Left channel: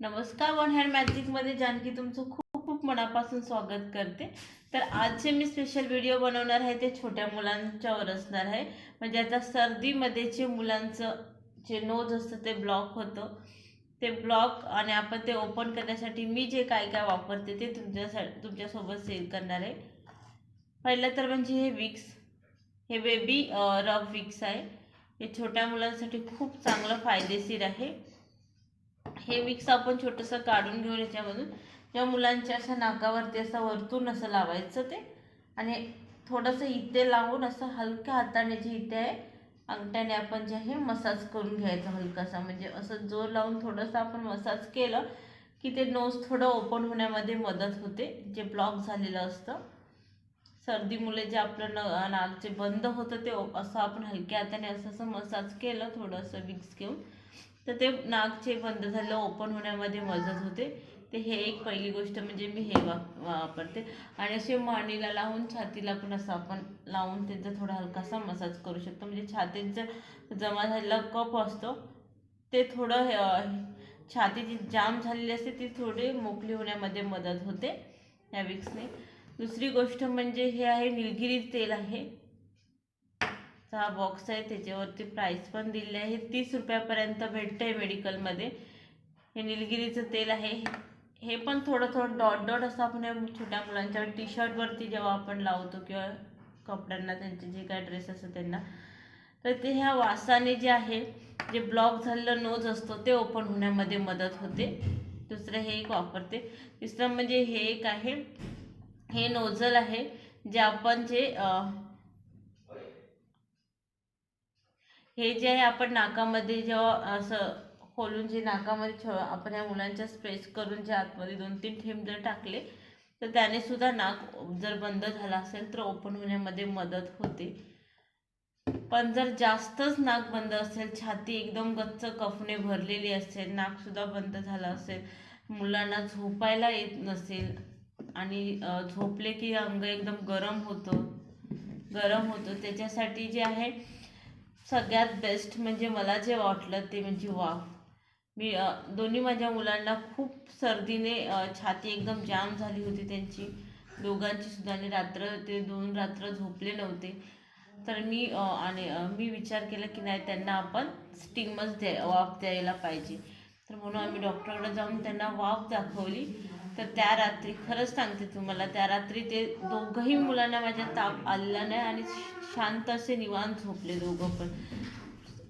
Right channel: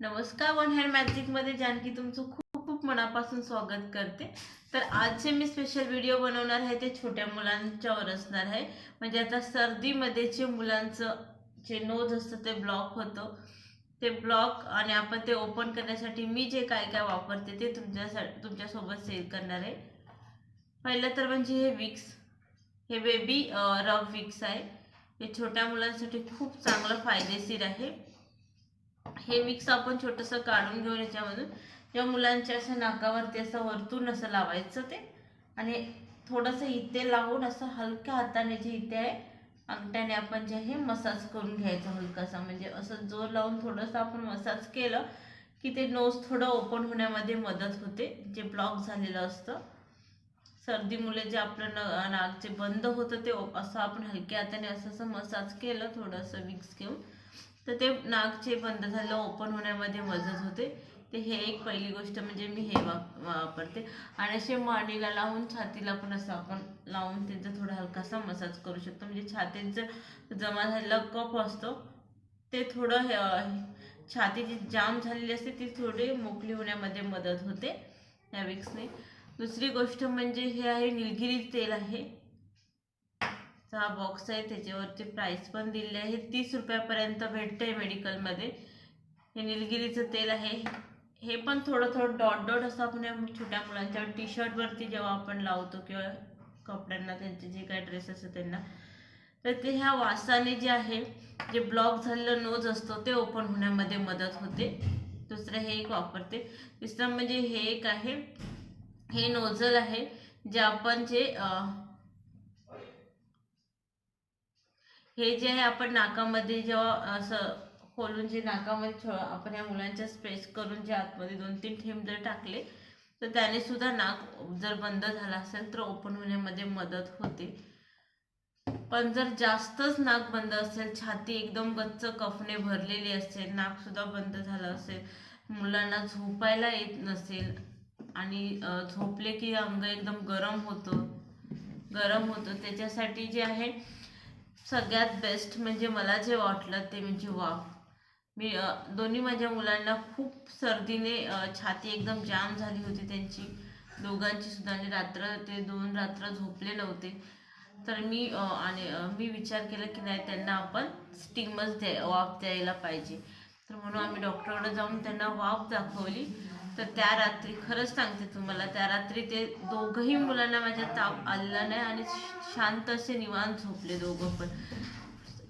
नमस्कार, one hand मॅजिकमध्ये Janaki तुमचं खूप खूप मनापासून स्वागत करते। तर आजचे मी स्पेशल व्हिडिओ बनवणार आहे ते छोट्या मुलांच्यावर असणार आहे। म्हणजे आता सर्दीमध्ये जे मुलांचं जे नोज असतं ते ब्लॉक होतं, ते ब्लॉक आणि आपण ते ओपन करण्यासाठी मी जे काय काय वापरते ते तुमच्यासोबत शेअर करणार आहे। पहिलं तर म्हणजे हे विक्स, हे बेबी रब विक्स आहे। हे छोट्या मुलांसाठी खूप चांगलं फायदेशीर आहे। हे विक्स आपण छोटंसं काढून घेऊन याच्यामधून जेव्हा मुलांच्या असं नाकावरती असं वरतून असं लावायचं ते, आणि थोडंसं इथे लावून असं हलक्या हाताने जे इथे आहे अंगठ्याने आपण जे आहे मसाज करून घ्यायचं हलकासा, म्हणजे असं जोर लावून थोडंसं आपण मसाज केलं की ते नोज थोडं ओपन होण्यामध्ये मदत होते, जे ब्लॉक झालेलं असतं। सर्दीमुळे जे आपलं नाक जे बंद होतं ते असं आपण हलक्या हाताने असं मसाज केलं थोडंसं विक्स घेऊन, तर ते नाक जे बंद झालं ओपन होण्यामध्ये मदत होते। ते हे एक पहिली गोष्ट म्हणजे मी हे वापरते। आणि असे मानेला लावून छातीला पण असं आपण लावून त्याचा थोडा हलकासा मसाज करू शकतो, म्हणजे छातीत जर जमा झालेला कफ असतो ते थोडं छाती जी जाम झालेली असते ती थोडी मोकळी होण्यामध्ये मदत होते या विक्सने। दुसरी गोष्ट म्हणजे हे आहे निलगिरी तेल आहे। हा बॉक्स आहे, त्याच्यावरती प्राइस पण दिलेली आहे, 30 रुपयापर्यंत भेटते मेडिकलमध्ये। हे निलगिरीचं तेल आहे। हे पण थोडं थोडं डॉट डॉट असं आपण छोट्या मुलांच्या टी शर्टवरती जेव्हा आपण लावतो किंवा कपड्यांना, त्यांचे जे काय ड्रेस असतात त्यांना, तर ते ह्या वासाने जे आहे जे ब्लॉक झालेलं नोज असतो ते ओपन होण्यामध्ये मदत होते। दुसरं हे एक वापरते। तिसरं म्हणजे हे एक आहे, हे नोझल आहे जे आपण जे हे जे आहे आपण नाकामध्ये जेव्हा असं खोलून जे नाकामध्ये आपण या मुलांच्या स्प्रेस करून जे आतमध्ये 2-3 थेंब जर टाकले तर त्याने सुद्धा नाक जर बंद झाला असेल तर ओपन होण्यामध्ये मदत होते। पण जर जास्तच नाक बंद असेल, छाती एकदम गच्च कफने भरलेली असेल, नाक सुद्धा बंद झालं असेल, मुलांना झोपायला येत नसेल आणि झोपले की अंग एकदम गरम होतं, त्याच्यासाठी जे आहे सगळ्यात बेस्ट म्हणजे मला जे वाटलं ते म्हणजे वाफ। मी दोन्ही माझ्या मुलांना खूप सर्दीने छाती एकदम जाम झाली होती त्यांची, दोघांची सुद्धा, आणि रात्र ते 2 रात्र झोपले नव्हते। तर मी विचार केला की नाही, त्यांना आपण स्टीमच वाफ द्यायला पाहिजे। तर म्हणून आम्ही डॉक्टरकडे जाऊन त्यांना वाफ दाखवली। तर त्या रात्री खरंच सांगते तुम्हाला, त्या रात्री ते दोघंही मुलांना माझ्या ताप आलेला नाही आणि शांत असे निवांत झोपले दोघं पण।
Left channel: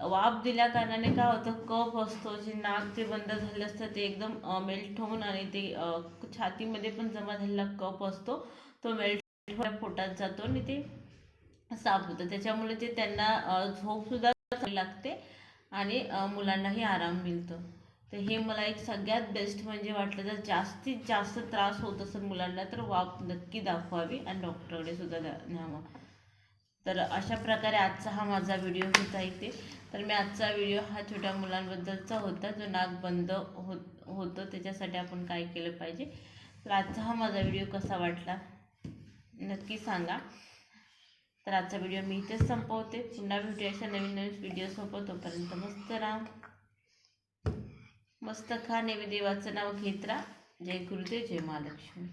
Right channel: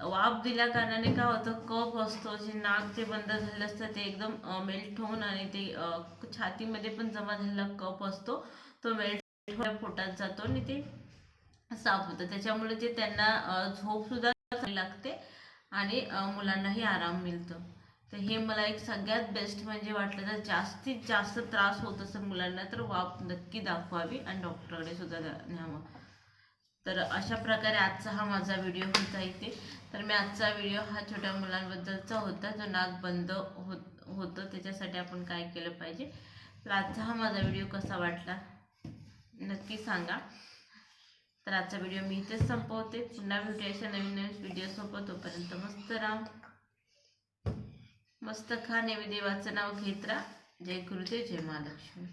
वाफ दिल्या कारणाने काय होतं, कफ असतो जे नाक जे बंद झालेलं असतं ते एकदम मेल्ट होऊन, आणि ते छातीमध्ये पण जमा झालेला कफ असतो तो मेल्ट होऊन पोटात जातो आणि ते साफ होतं। त्याच्यामुळे ते त्यांना झोप सुद्धा चांगली लागते आणि मुलांनाही आराम मिळतो। तर हे मला एक सगळ्यात बेस्ट म्हणजे वाटलं। जर जास्तीत जास्त त्रास होत असेल मुलांना तर वाफ नक्की दाखवावी आणि डॉक्टरकडे सुद्धा न्यावं। तर अशा प्रकारे आजचा हा माझा व्हिडिओ होता इथे। तर मी आजचा व्हिडिओ हा छोट्या मुलांबद्दलचा होता, जो नाक बंद होतं त्याच्यासाठी आपण काय केलं पाहिजे। तर आजचा हा माझा व्हिडिओ कसा वाटला नक्की सांगा। तर आजचा व्हिडिओ मी इथेच संपवते। पुन्हा भेटूया अशा नवीन नवीन व्हिडिओ सोबत। तोपर्यंत मस्त राहा, मस्त खा, देवाचं नाव घेत राहा। जय गुरुदेव, जय महालक्ष्मी।